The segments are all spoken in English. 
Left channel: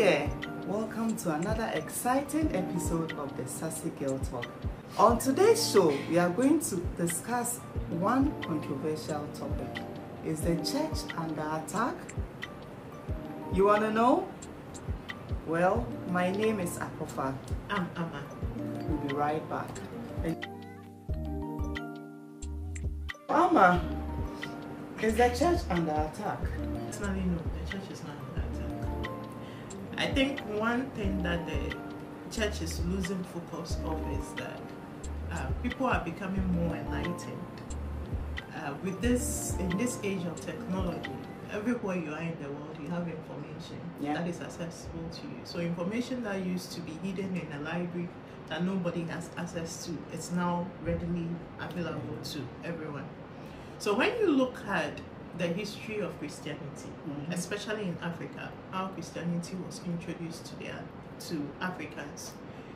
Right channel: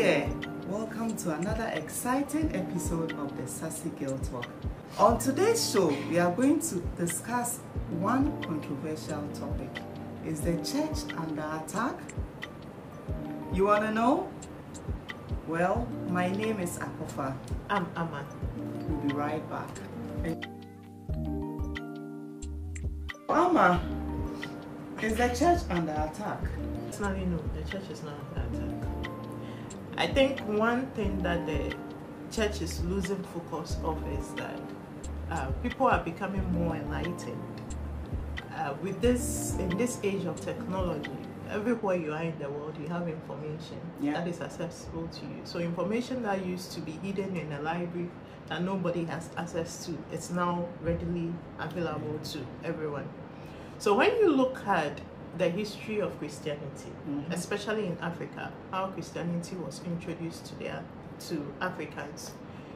there, welcome to another exciting episode of the Sassy Girl Talk. On today's show, we are going to discuss one controversial topic. Is the church under attack? You want to know? Well, my name is Akofa. I'm Amma. We'll be right back. Amma, is the church under attack? Personally, no, the church is not under attack. I think one thing that the church is losing focus of is that people are becoming more enlightened. In this age of technology, everywhere you are in the world, you have information that is accessible to you. So information that used to be hidden in a library that nobody has access to, it's now readily available to everyone. So when you look at the history of Christianity, especially in Africa, how Christianity was introduced to Africans,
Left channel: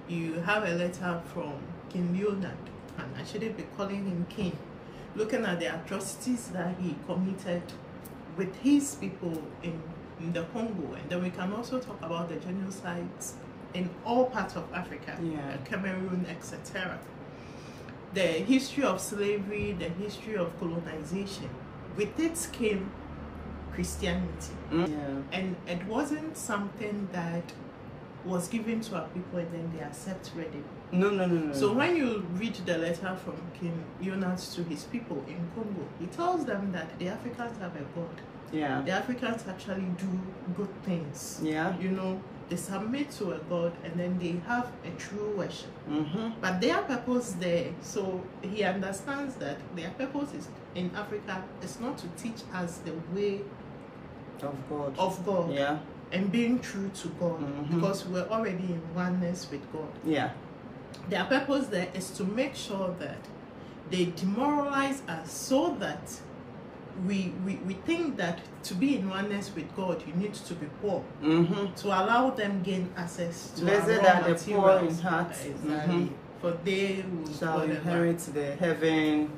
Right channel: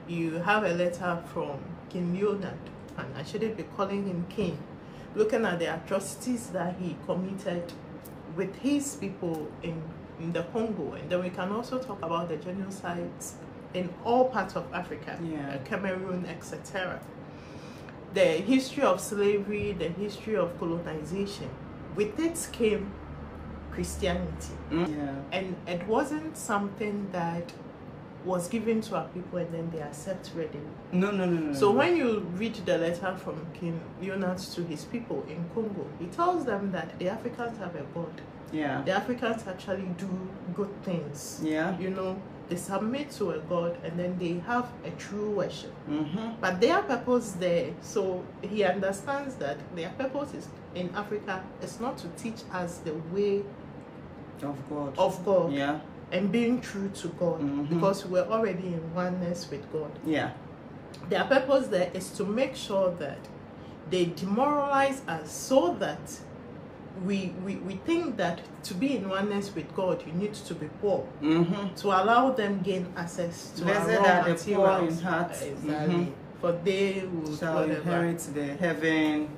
you have a letter from King Leonard, and I shouldn't be calling him king, looking at the atrocities that he committed with his people in the Congo. And then we can also talk about the genocides in all parts of Africa, Cameroon, etc. The history of slavery, the history of colonization. With it came Christianity. And it wasn't something that was given to our people and then they accept readily. No. So when you read the letter from King Leonard to his people in Congo, he tells them that the Africans have a God. The Africans actually do good things. You know, they submit to a God and then they have a true worship. But their purpose there, so he understands that their purpose is in Africa is not to teach us the way of God. And being true to God, because we're already in oneness with God. Their purpose there is to make sure that they demoralize us so that we think that to be in oneness with God, you need to be poor to allow them gain access to our raw materials. The poor in heart, for they will shall inherit the heaven,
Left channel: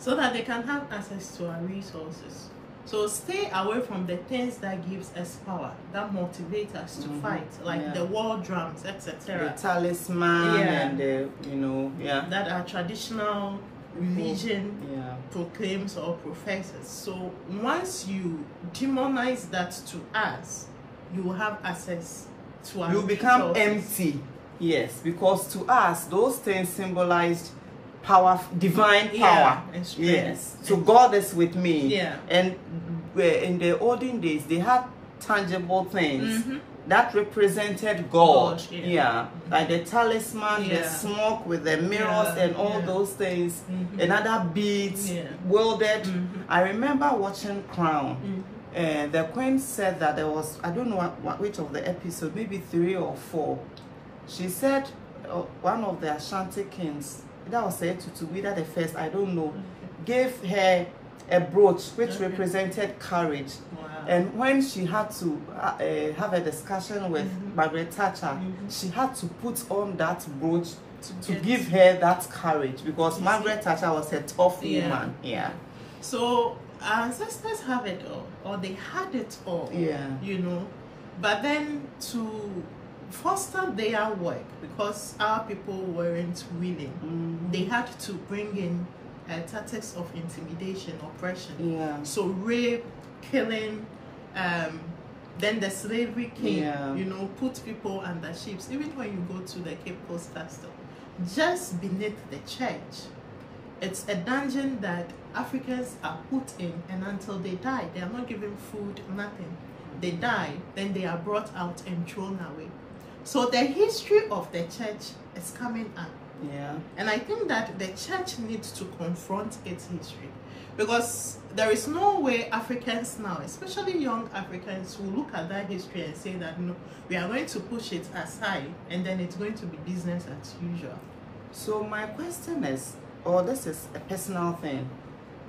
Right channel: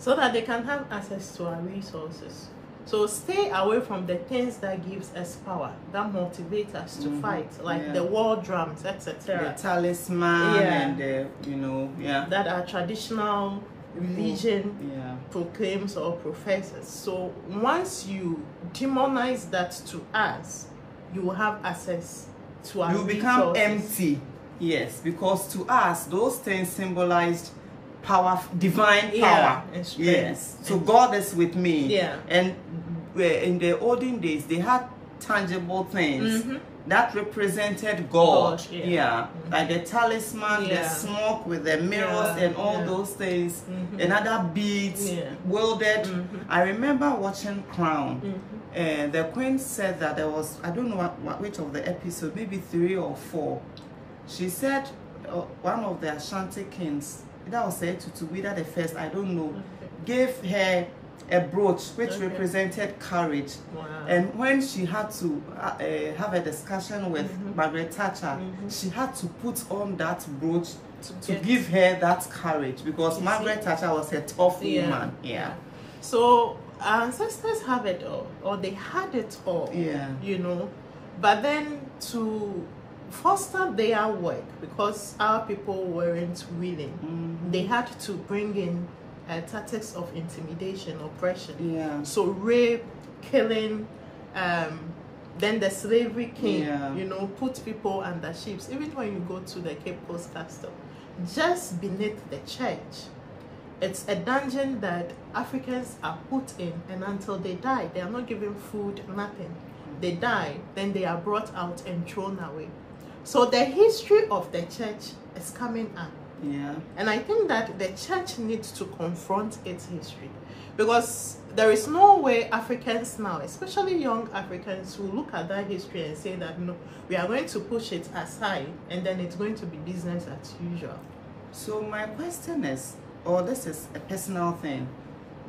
so that they can have access to our resources. So stay away from the things that gives us power, that motivate us to fight, like the war drums, etc. The talisman and the, that our traditional religion proclaims or professes. So once you demonize that to us, you will have access to our resources. You become empty. Yes, because to us, those things symbolized power, divine power. Yes. So God is with me. And in the olden days, they had tangible things that represented God. Like the talisman, the smoke with the mirrors and all those things, and other beads wielded. I remember watching Crown. The Queen said that there was, I don't know which of the episodes, maybe 3 or 4. She said one of the Ashanti kings, that was said to be that the first, I don't know, gave her a brooch which represented courage. And when she had to have a discussion with Margaret Thatcher, she had to put on that brooch to give her that courage, because Margaret Thatcher was a tough woman. So our ancestors have it all, or they had it all, you know. But then to foster their work, because our people weren't willing, they had to bring in tactics of intimidation, oppression. So rape, killing, then the slavery came, you know, put people under ships. Even when you go to the Cape Coast Castle, just beneath the church, it's a dungeon that Africans are put in, and until they die, they are not given food, nothing. They die, then they are brought out and thrown away. So the history of the church is coming up. And I think that the church needs to confront its history, because there is no way Africans now, especially young Africans, will look at that history and say that no, we are going to push it aside and then it's going to be business as usual. So my question is, this is a personal thing,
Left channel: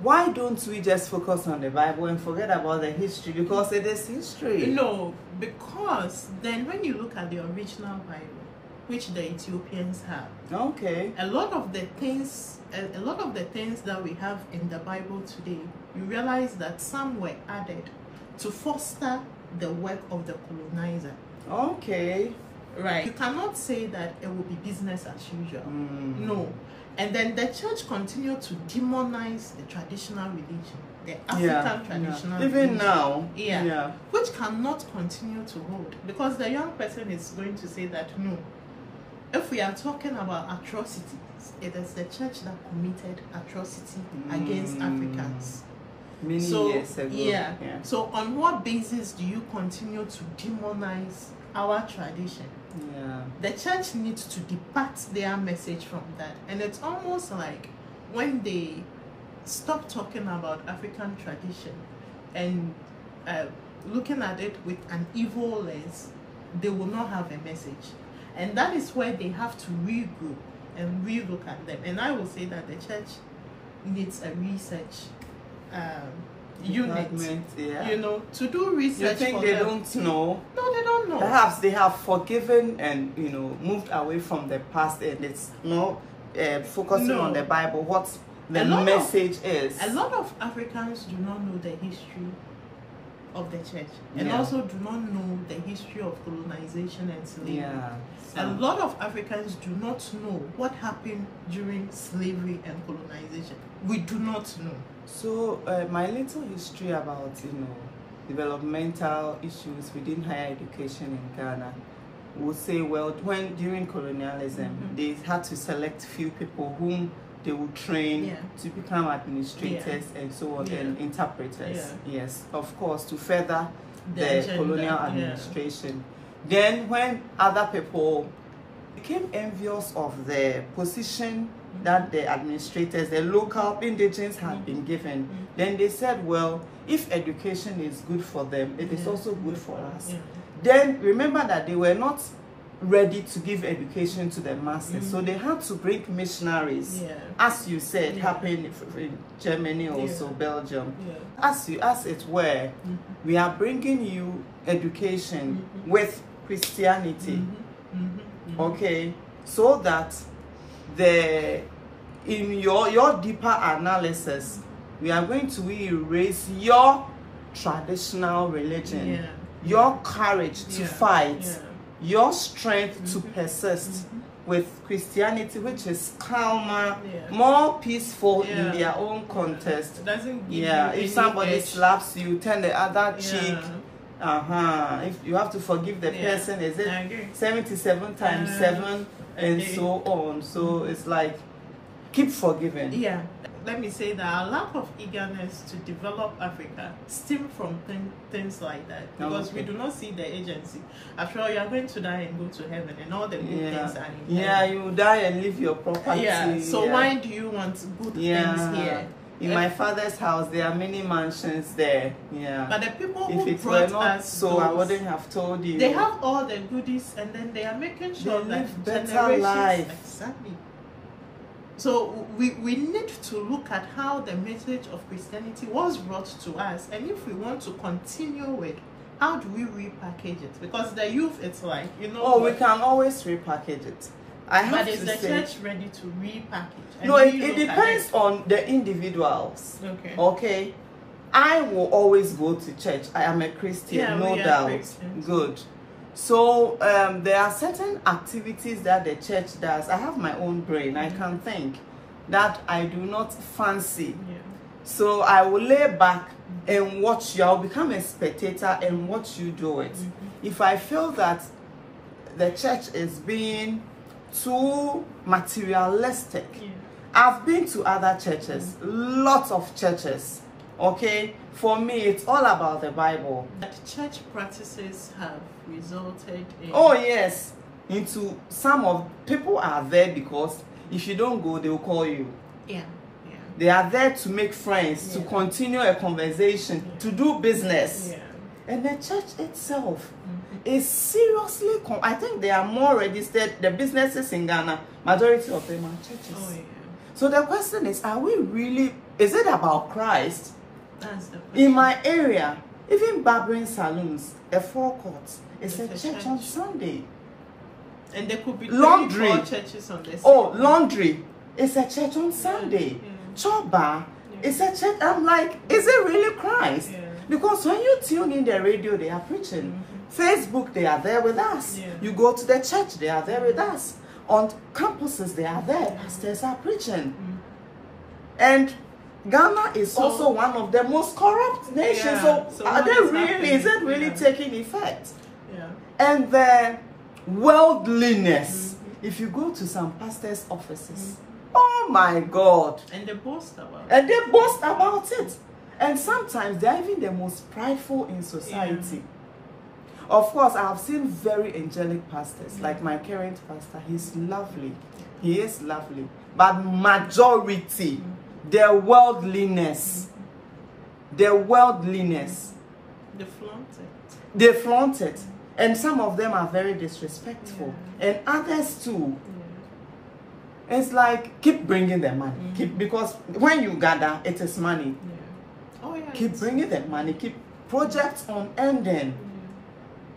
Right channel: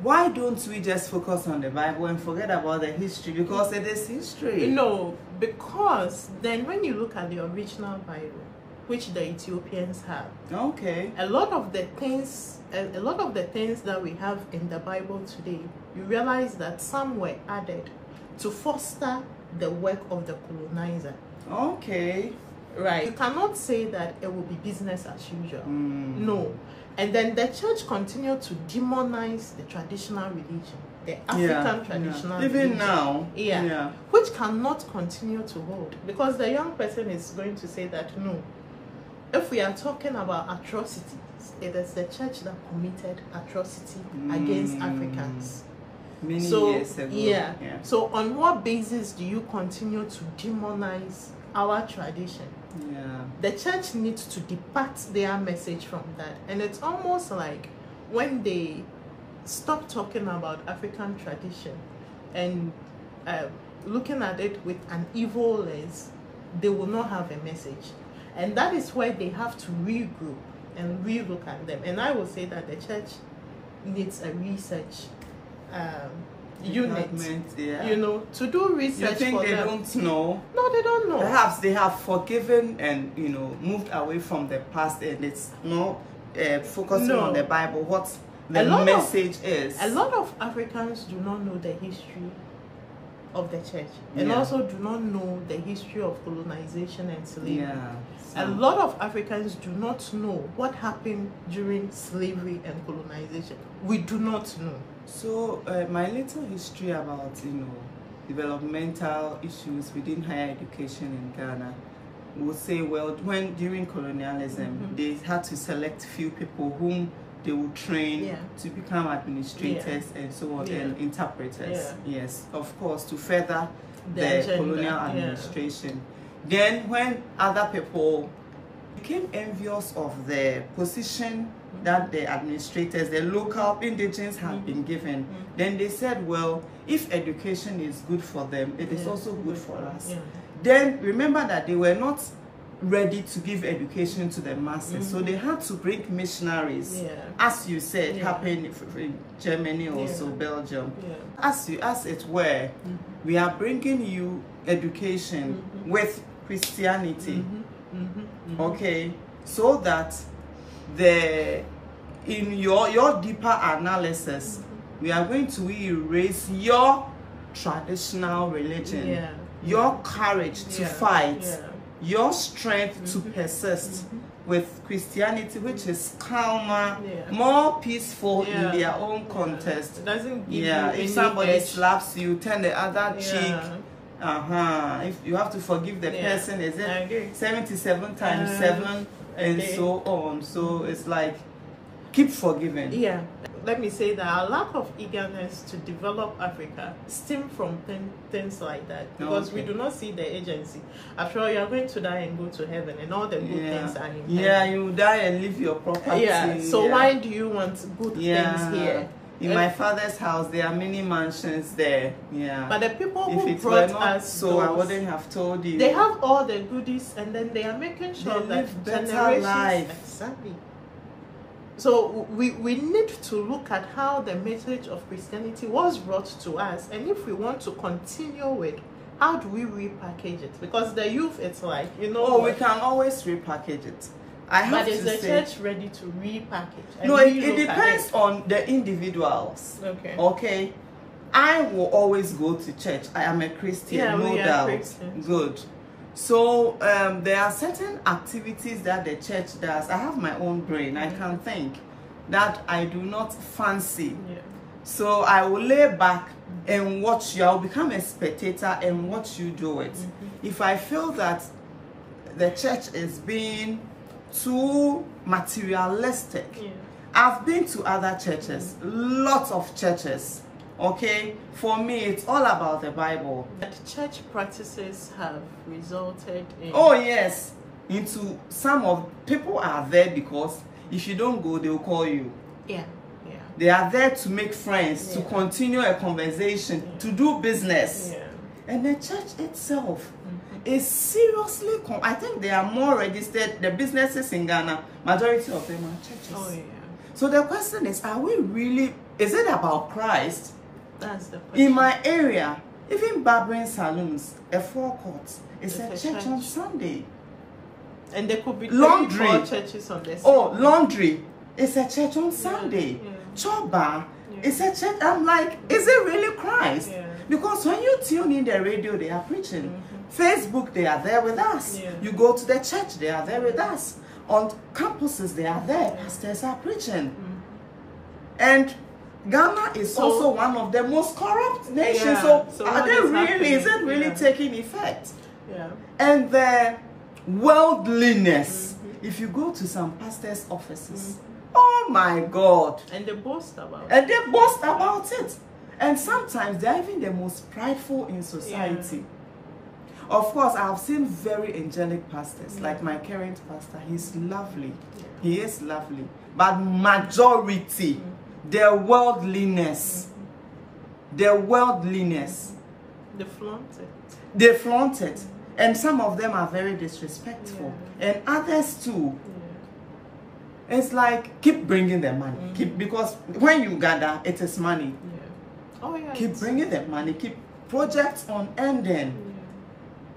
why don't we just focus on the Bible and forget about the history? Because it is history. No, because then when you look at the original Bible, which the Ethiopians had, a lot of the things that we have in the Bible today, you realize that some were added to foster the work of the colonizer. Okay. Right. You cannot say that it will be business as usual. No. And then the church continued to demonize the traditional religion, the African traditional religion. Even now. Yeah. Which cannot continue to hold. Because the young person is going to say that, no, if we are talking about atrocities, it is the church that committed atrocity against Africans. Many years ago. Yeah. So on what basis do you continue to demonize our tradition? Yeah. The church needs to depart their message from that. And it's almost like when they stop talking about African tradition and looking at it with an evil lens, they will not have a message. And that is where they have to regroup and relook at them. And I will say that the church needs a research unit, you know, to do research. You think they don't know? No, they don't know. Perhaps they have forgiven and, you know, moved away from the past, and it's not focusing on the Bible, what the message is. A lot of Africans do not know the history of the church, and also do not know the history of colonization and slavery. A lot of Africans do not know what happened during slavery and colonization. We do not know. So my little history about, you know, developmental issues within higher education in Ghana would say, well, when during colonialism they had to select few people whom they would train to become administrators and so on, and interpreters. Yes, of course, to further the colonial administration. Then when other people became envious of the position that the administrators, the local indigenes had been given, then they said, well, if education is good for them, it is also good for us. Then remember that they were not ready to give education to the masses, so they had to bring missionaries, as you said, happened in Germany, also Belgium. As it were, we are bringing you education with Christianity, okay, so that in your deeper analysis, we are going to erase your traditional religion, your courage to fight, your strength to persist with Christianity, which is calmer, more peaceful in their own context. It doesn't give you if somebody slaps you, turn the other cheek. If you have to forgive the person, is it 77 times 7 and so on? So it's like, keep forgiving. Let me say that a lack of eagerness to develop Africa stem from things like that, because we do not see the agency. After all, you are going to die and go to heaven, and all the good things are in heaven. You die and leave your property. So why do you want good things here? In my father's house, there are many mansions there. But the people if who it brought were not us so, I wouldn't have told you. They have all the goodies, and then they are making sure they that live better life. Exactly. So we need to look at how the message of Christianity was brought to us, and if we want to continue with, how do we repackage it? Because the youth, it's like, you know. We can always repackage it. But is the church ready to repackage? No, it depends on the individuals. Okay. I will always go to church. I am a Christian, no doubt. Good. So there are certain activities that the church does. I have my own brain. I can think that I do not fancy. So I will lay back and watch you. I'll become a spectator and watch you do it. If I feel that the church is being too materialistic, I've been to other churches, lots of churches. Okay, for me, it's all about the Bible. That church practices have resulted in... into some of people are there because if you don't go, they will call you. They are there to make friends, to continue a conversation, to do business. And the church itself is seriously... I think they are more registered. The businesses in Ghana, majority of them are churches. So the question is, are we really... Is it about Christ? That's the question. In my area, even barbering salons, a forecourt, it's a church on Sunday. And there could be laundry churches on this. Laundry, it's a church on Sunday. Choba, it's a church. I'm like, is it really Christ? Because when you tune in the radio, they are preaching. Facebook, they are there with us. You go to the church, they are there with us. On campuses, they are there. Pastors are preaching. And Ghana is also one of the most corrupt nations. So are they really, is it really taking effect? And the worldliness. If you go to some pastors' offices, oh my God. And they boast about it. And they boast about it. And sometimes they're even the most prideful in society. Of course, I have seen very angelic pastors, like my current pastor. He's lovely. He is lovely. But majority, the worldliness. The worldliness. They flaunt it. They flaunt it. And some of them are very disrespectful. And others too. It's like, keep bringing the money. Because when you gather, it is money. Keep bringing the money. Keep projects on ending.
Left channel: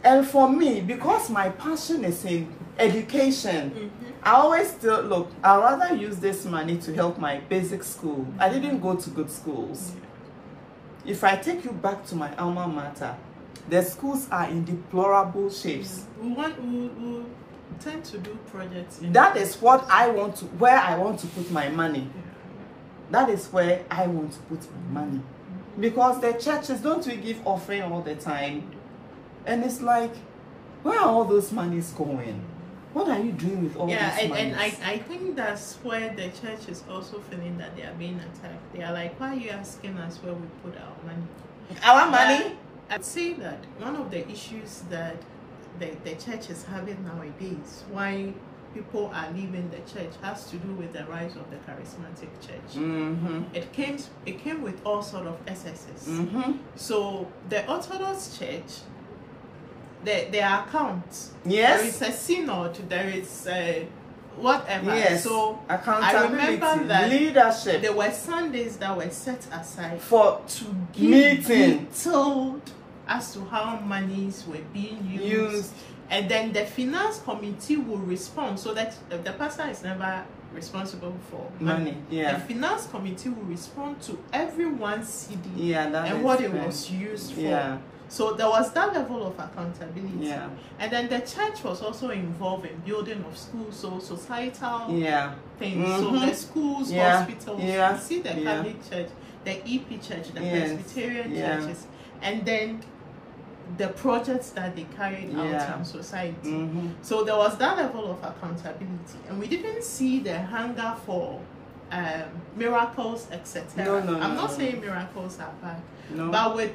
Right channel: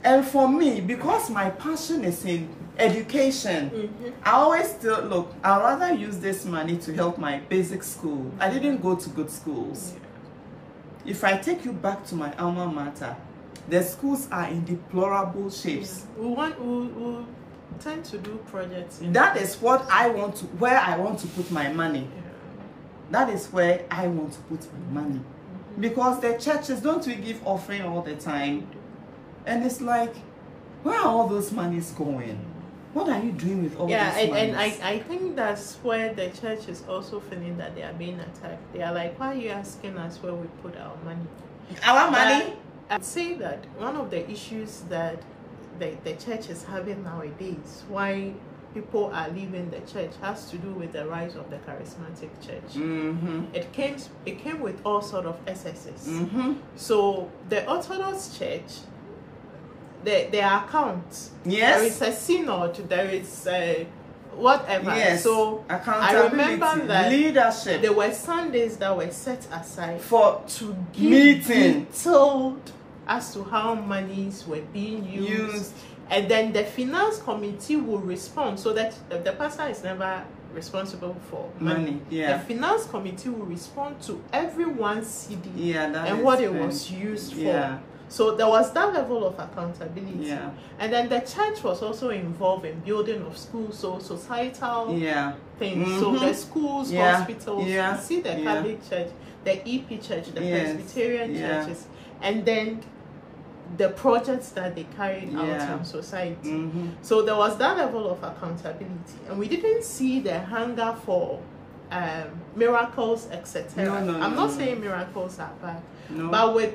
And for me, because my passion is in education, I always still look, I'd rather use this money to help my basic school. I didn't go to good schools. If I take you back to my alma mater, the schools are in deplorable shapes. We tend to do projects. That is what I want to, where I want to put my money. That is where I want to put my money. Because the churches, don't we give offering all the time? And it's like, where are all those monies going? What are you doing with all those monies? And I think that's where the church is also feeling that they are being attacked. They are like, why are you asking us where we put our money? Our money? I'd say that one of the issues that the church is having nowadays, why people are leaving the church, has to do with the rise of the charismatic church. It came with all sort of excesses. So the Orthodox Church, their accounts, there is a synod, there is whatever. So accountability, I remember that leadership. There were Sundays that were set aside for to meeting, told as to how monies were being used. And then the finance committee will respond, so that the pastor is never responsible for money. The finance committee will respond to everyone's CD and what it was used for. So there was that level of accountability. And then the church was also involved in building of schools, so societal things. So the schools, hospitals, you see the Catholic Church, the EP Church, the Presbyterian churches, and then the projects that they carried out in society. So there was that level of accountability. And we didn't see the hunger for miracles, etc. I'm not saying miracles are bad, but with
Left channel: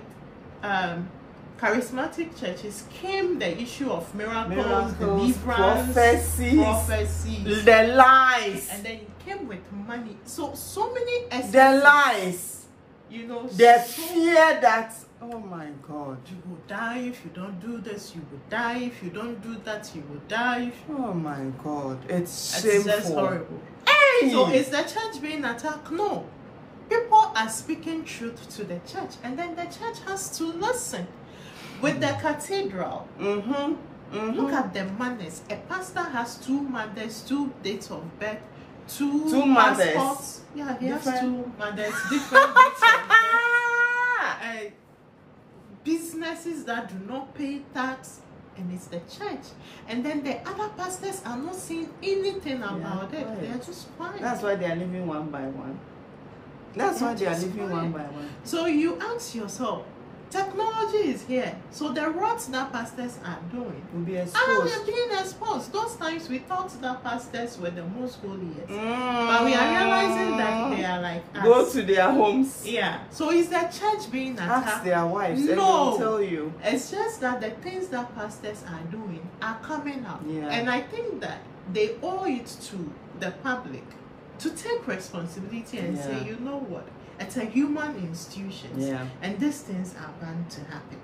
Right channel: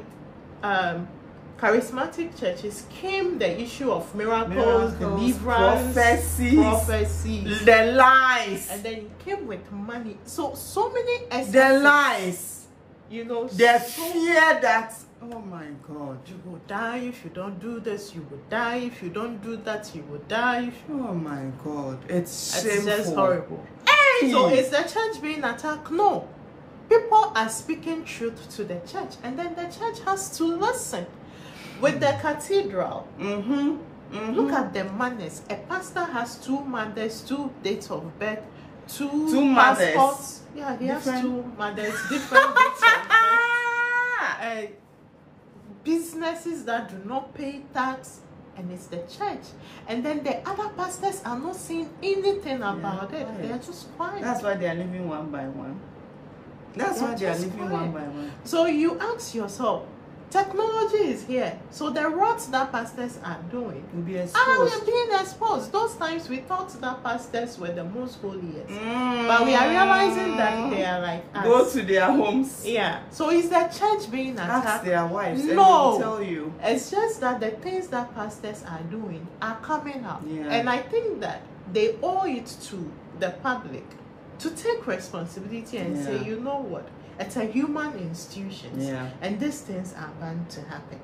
charismatic churches came the issue of miracles, deliverance, prophecies, the lies, and then it came with money. So many excesses. The lies, you know, the fear that, oh my God, you will die if you don't do this, you will die if you don't do that, you will die. Oh my God, it's shameful. Just horrible. Hey! So is the church being attacked? No. People are speaking truth to the church, and then the church has to listen. With the cathedral, look at the manners. A pastor has 2 mothers, 2 dates of birth, 2 mothers. Passports. Yeah, he has 2 mothers, different dates of birth. Businesses that do not pay tax, and it's the church. And then the other pastors are not saying anything about it. They're just quiet. That's why they are living one by one. That's why they are living one by one. So you ask yourself, technology is here, so the routes that pastors are doing will be exposed. Are being exposed. Those times we thought that pastors were the most holiest, but we are realizing that they are like us. Go to their homes. So is the church being attacked? Ask their wives. No, and they'll tell you. It's just that the things that pastors are doing are coming up, and I think that they owe it to the public to take responsibility and say, you know what? It's a human institution, and these things are bound to happen.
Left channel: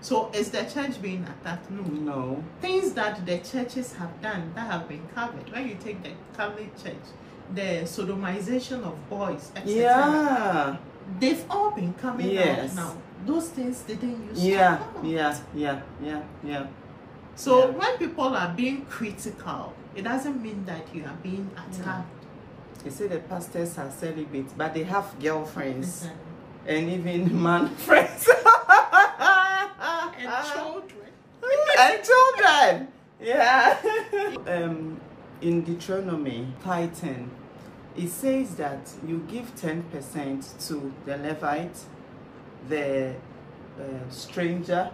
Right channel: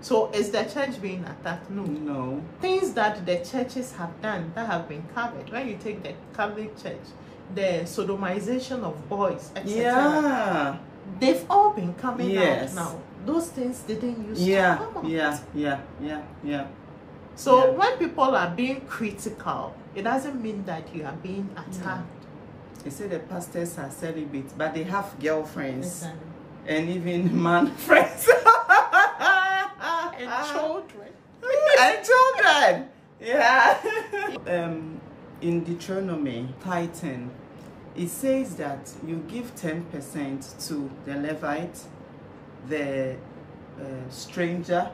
So is the church being attacked? No. Things that the churches have done that have been covered. When you take the Catholic Church, the sodomization of boys, etc. They've all been coming out now. Those things didn't used to come out. So when people are being critical, it doesn't mean that you are being attacked. They say the pastors are celibate, but they have girlfriends and even man friends. And children. And children. Yeah. In Deuteronomy 10, it says that you give 10% to the Levite, the stranger,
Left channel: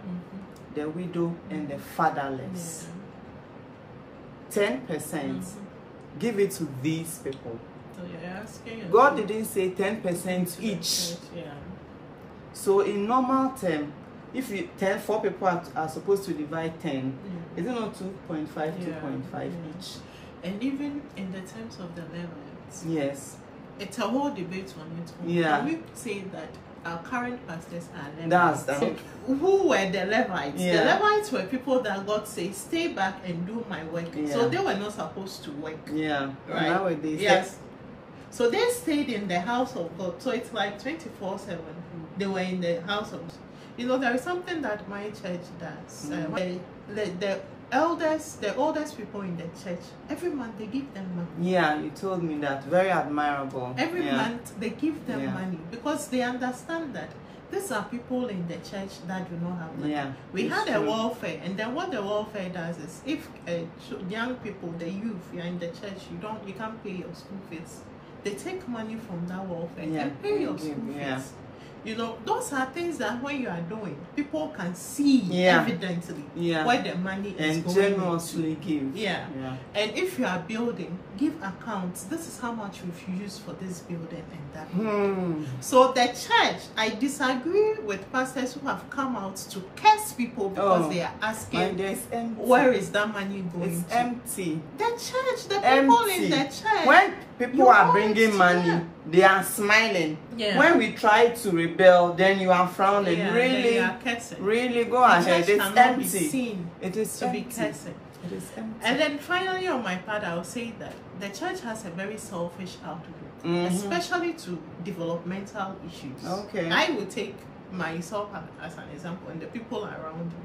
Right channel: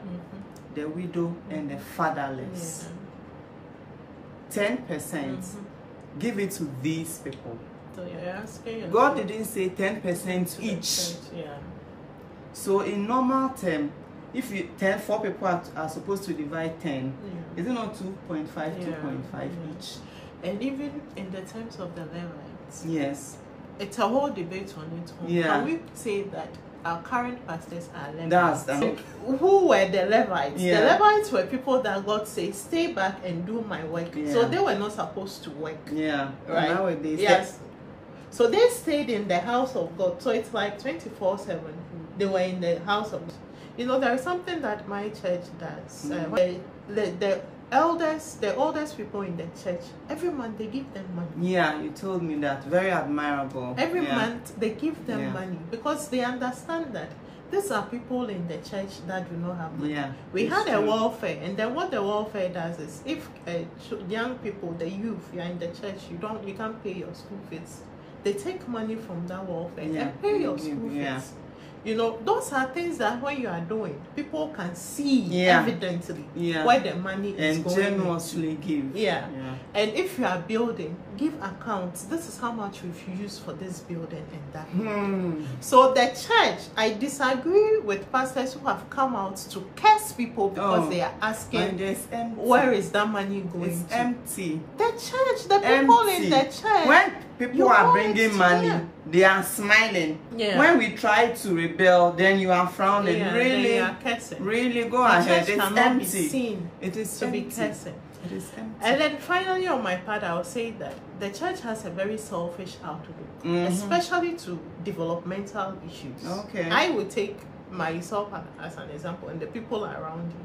the widow, and the fatherless. 10%. Give it to these people. So you're asking God didn't say 10% each. So in normal term, if you 4 people are supposed to divide 10, is it not 2.5, 2.5 each? And even in the terms of the Levites, yes, it's a whole debate on its own. Yeah. Can we say that our current pastors are Levites? That's who were the Levites? Yeah. The Levites were people that God said, stay back and do my work. Yeah. So they were not supposed to work. Yeah. Right? Nowadays, yes. So they stayed in the house of God. So it's like 24/7. They were in the house of God. You know, there is something that my church does. The oldest people in the church, every month they give them money. Yeah, you told me that. Very admirable. Every month they give them money because they understand that these are people in the church that do not have money. Yeah, we had a welfare, and then what the welfare does is, if young people, the youth, you are in the church, you can't pay your school fees. They take money from that welfare and pay your school fees. You know, those are things that when you are doing, people can see evidently where the money is going. And generously give. Yeah. And if you are building, give accounts. This is how much we've used for this building and that. So the church, I disagree with pastors who have come out to curse people because they are asking, where is that money going to? It's empty. The church, the people in the church. When people are bringing money, they are smiling. When we try to rebel, then you are frowning. Really go ahead. It's empty. It is to be cursing. It is empty. And then finally, on my part, I'll say that the church has a very selfish outlook, especially to developmental issues. Okay. I would take myself as an example and the people around me.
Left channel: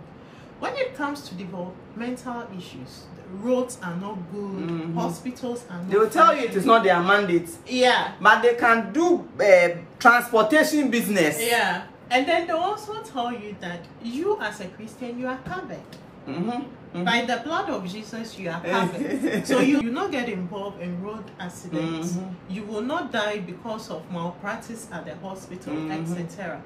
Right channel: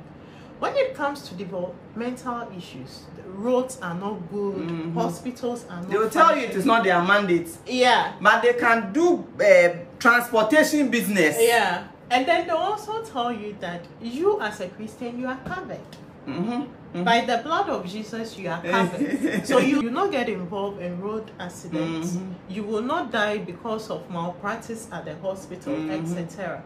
When it comes to developmental issues, the roads are not good, hospitals are not. They will tell you it is not their mandate. Yeah. But they can do transportation business. Yeah. And then they also tell you that you as a Christian, you are covered. By the blood of Jesus, you are covered. So you will not get involved in road accidents. You will not die because of malpractice at the hospital, etc.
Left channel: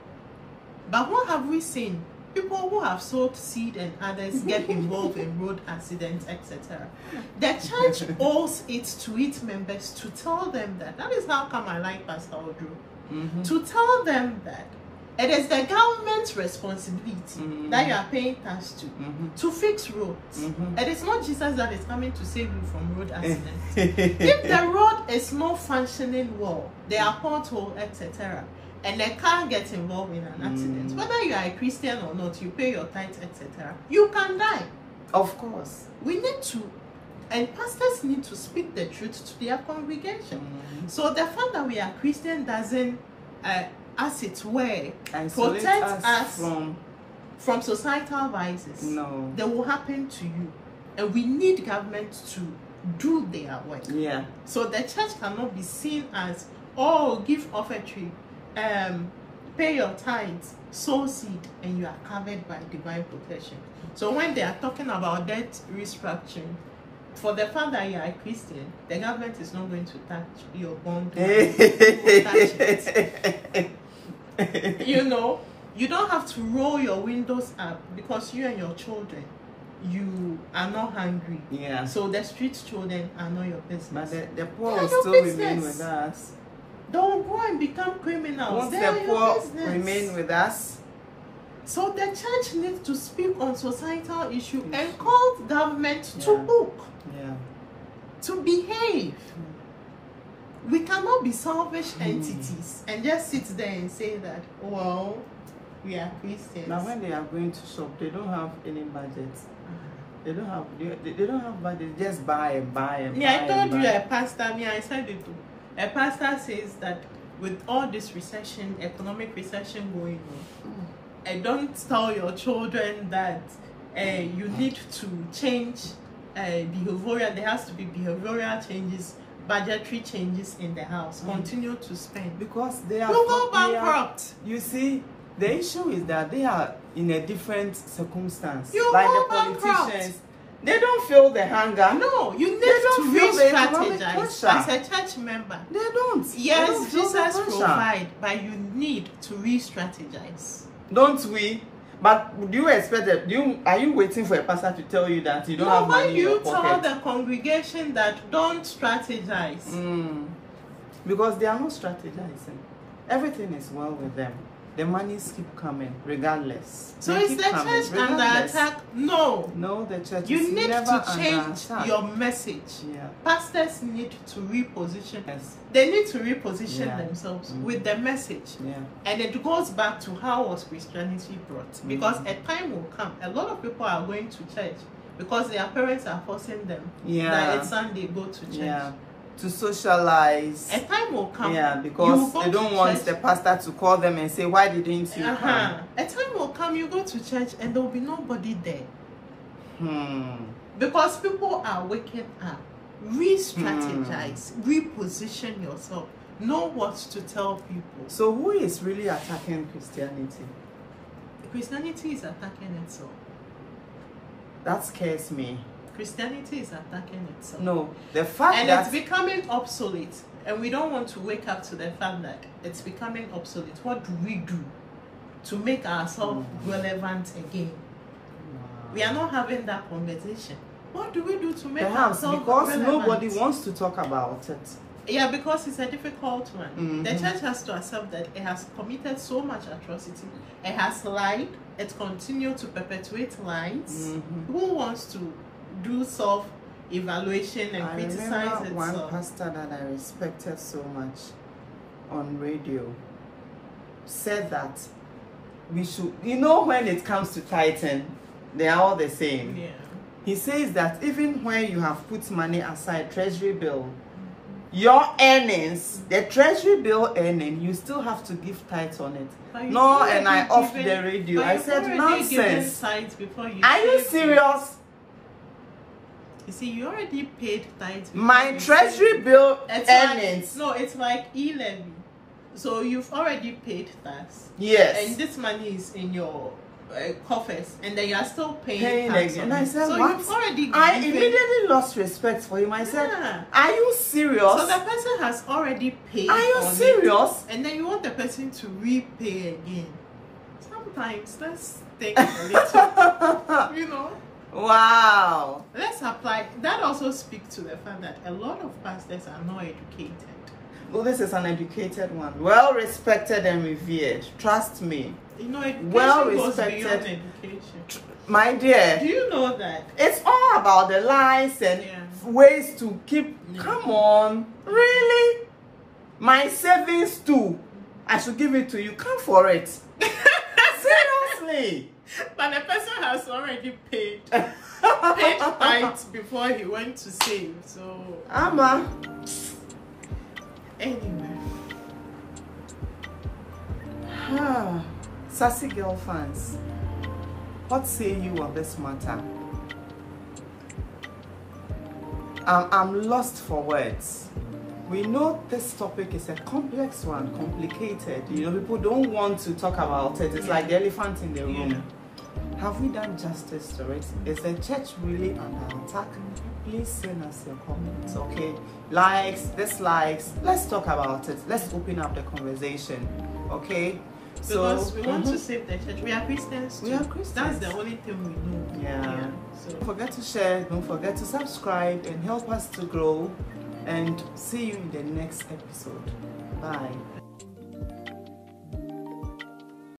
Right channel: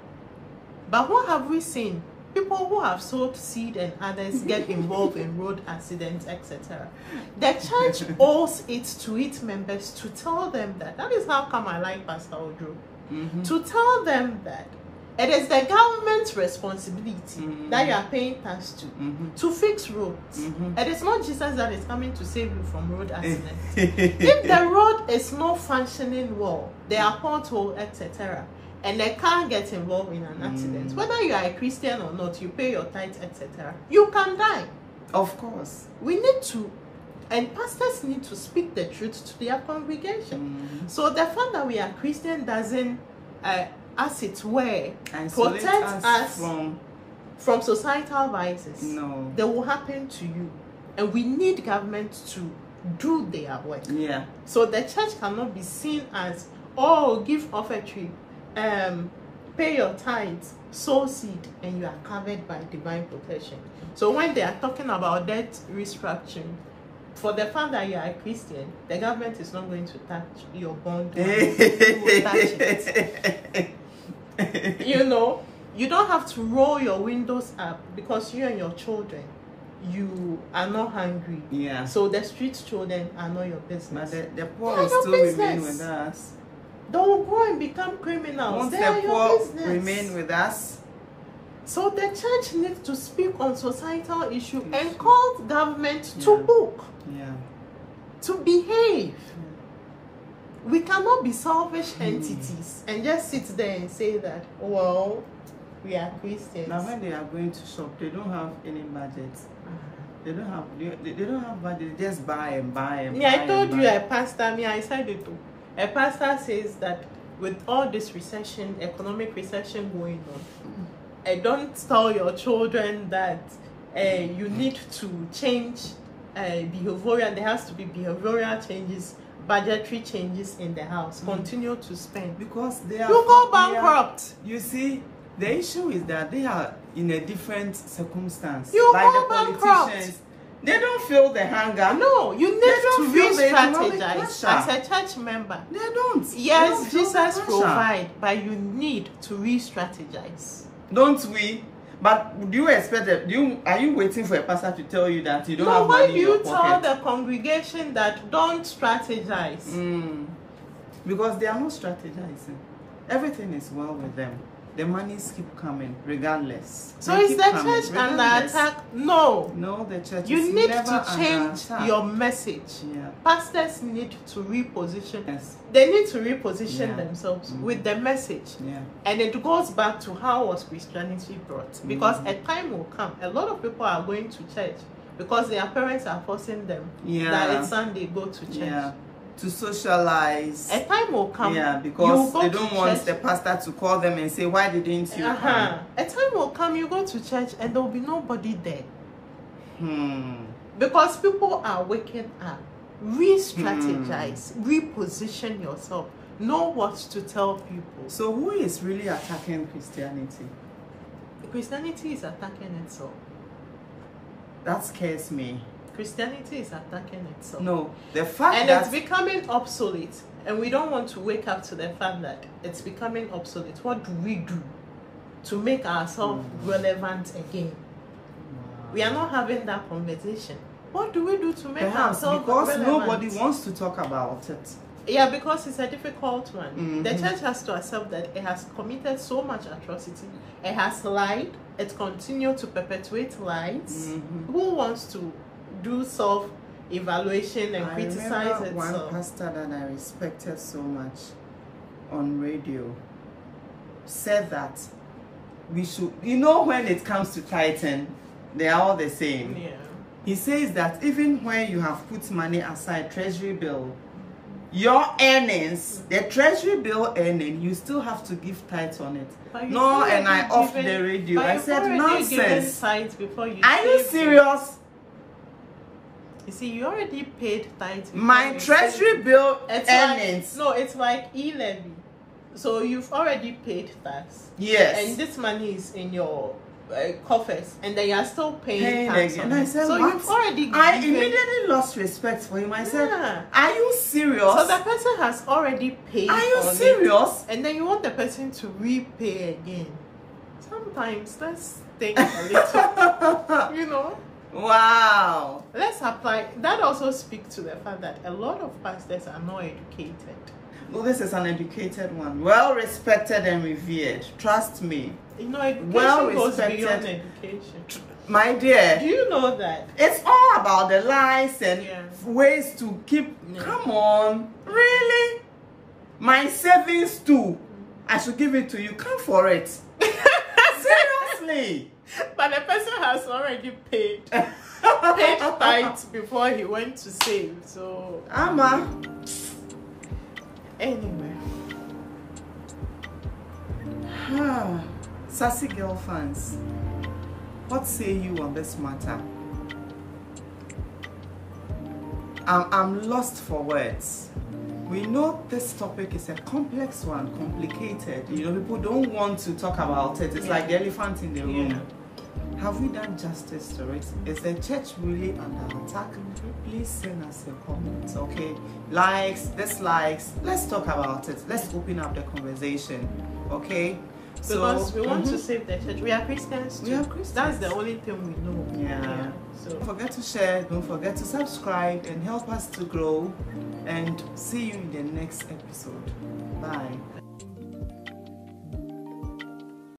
But what have we seen? People who have sowed seed and others get involved in road accidents, etc. The church owes it to its members to tell them that is how come I like Pastor Odro. To tell them that it is the government's responsibility that you are paying tax to fix roads. It is not Jesus that is coming to save you from road accidents. If the road is not functioning well, there are potholes, etc., and they can't get involved in an accident, whether you are a Christian or not, you pay your tithes, etc., you can die. Of course. We need to, and pastors need to speak the truth to their congregation. So the fact that we are Christian doesn't, as it were, protect us from societal vices. No. They will happen to you. And we need government to do their work. Yeah. So the church cannot be seen as, oh, give offertory, pay your tithes, sow seed, and you are covered by divine protection. So when they are talking about debt restructuring, for the fact that you are a Christian, the government is not going to touch your bond. You know, you don't have to roll your windows up because you and your children, you are not hungry. Yeah. So the street children are not your business. But the poor will still remain with us. Don't go and become criminals. Won't the poor remain with us? So the church needs to speak on societal issue and call government to book, to behave. We cannot be selfish entities and just sit there and say that, well, we are Christians. Now when they are going to shop, they don't have any budget. They don't have budget. They just buy and buy and buy. I told you a pastor. I said it too. A pastor says that with all this recession, economic recession going on, don't tell your children that you need to change behavioral. There has to be behavioral changes, budgetary changes in the house. Continue to spend because they are. You go bankrupt. You see, The issue is that they are in a different circumstance. You like the politicians, they don't feel the hunger. No, you need to re-strategize as a church member. They don't. Yes, Jesus provide, but you need to re-strategize. Don't we? But do you expect that? Are you waiting for a pastor to tell you that you don't have money in your pocket? When you tell the congregation that don't strategize. Because they are not strategizing. Everything is well with them. The monies keep coming regardless. So is the church under attack? No. No, the church is never under attack. You need to change your message. Yeah. Pastors need to reposition. Yes. They need to reposition themselves with the message. Yeah. And it goes back to how was Christianity brought. Because a time will come. A lot of people are going to church because their parents are forcing them that it's Sunday, go to church. Yeah. To socialize. A time will come. Yeah, because they don't want the pastor to call them and say, why didn't you come? A time will come, you go to church and there will be nobody there. Because people are waking up. Re-strategize. Reposition yourself. Know what to tell people. So who is really attacking Christianity? Christianity is attacking itself. That scares me. Christianity is attacking itself. No, the fact that it's becoming obsolete, and we don't want to wake up to the fact that it's becoming obsolete. What do we do to make ourselves relevant again? Wow. We are not having that conversation. What do we do to make ourselves because relevant? Nobody wants to talk about it. Yeah, because it's a difficult one. The church has to accept that it has committed so much atrocity. It has lied. It continues to perpetuate lies. Who wants to do self-evaluation and criticize itself? I remember one pastor that I respected so much on radio said that we should, when it comes to tithing, they are all the same. Yeah. He says that even when you have put money aside, treasury bill, your earnings, the treasury bill earning, you still have to give tithes on it. No, and I off the radio. I said, nonsense. Are you serious? You see, you already paid tithes. My treasury bill earnings. It's like e-levy. So you've already paid tax. Yes. And this money is in your coffers, and then you are still paying tax again. And I said, so what? I immediately lost respect for him. I said, are you serious? So the person has already paid. Are you serious? And then you want the person to repay again. Sometimes let's think a little, Wow. Let's apply. That also speaks to the fact that a lot of pastors are not educated. Well, this is an educated one. Well respected and revered. Trust me. Education well goes beyond education. My dear. Do you know that? It's all about the lies and ways to keep... Come on. Really? My savings too. I should give it to you. Come for it. Seriously. But the person has already paid tithes before he went to save. So anyway. Sassy girl fans, what say you on this matter? I'm lost for words. We know this topic is a complex one, complicated. People don't want to talk about it. It's like the elephant in the room. Have we done justice to it? Is the church really under attack? Please send us your comments, okay? Likes, dislikes. Let's talk about it. Let's open up the conversation, okay? Because we want to save the church. We are Christians too. We are Christians. That's the only thing we know. Yeah. So don't forget to share. Don't forget to subscribe and help us to grow. And see you in the next episode. Bye.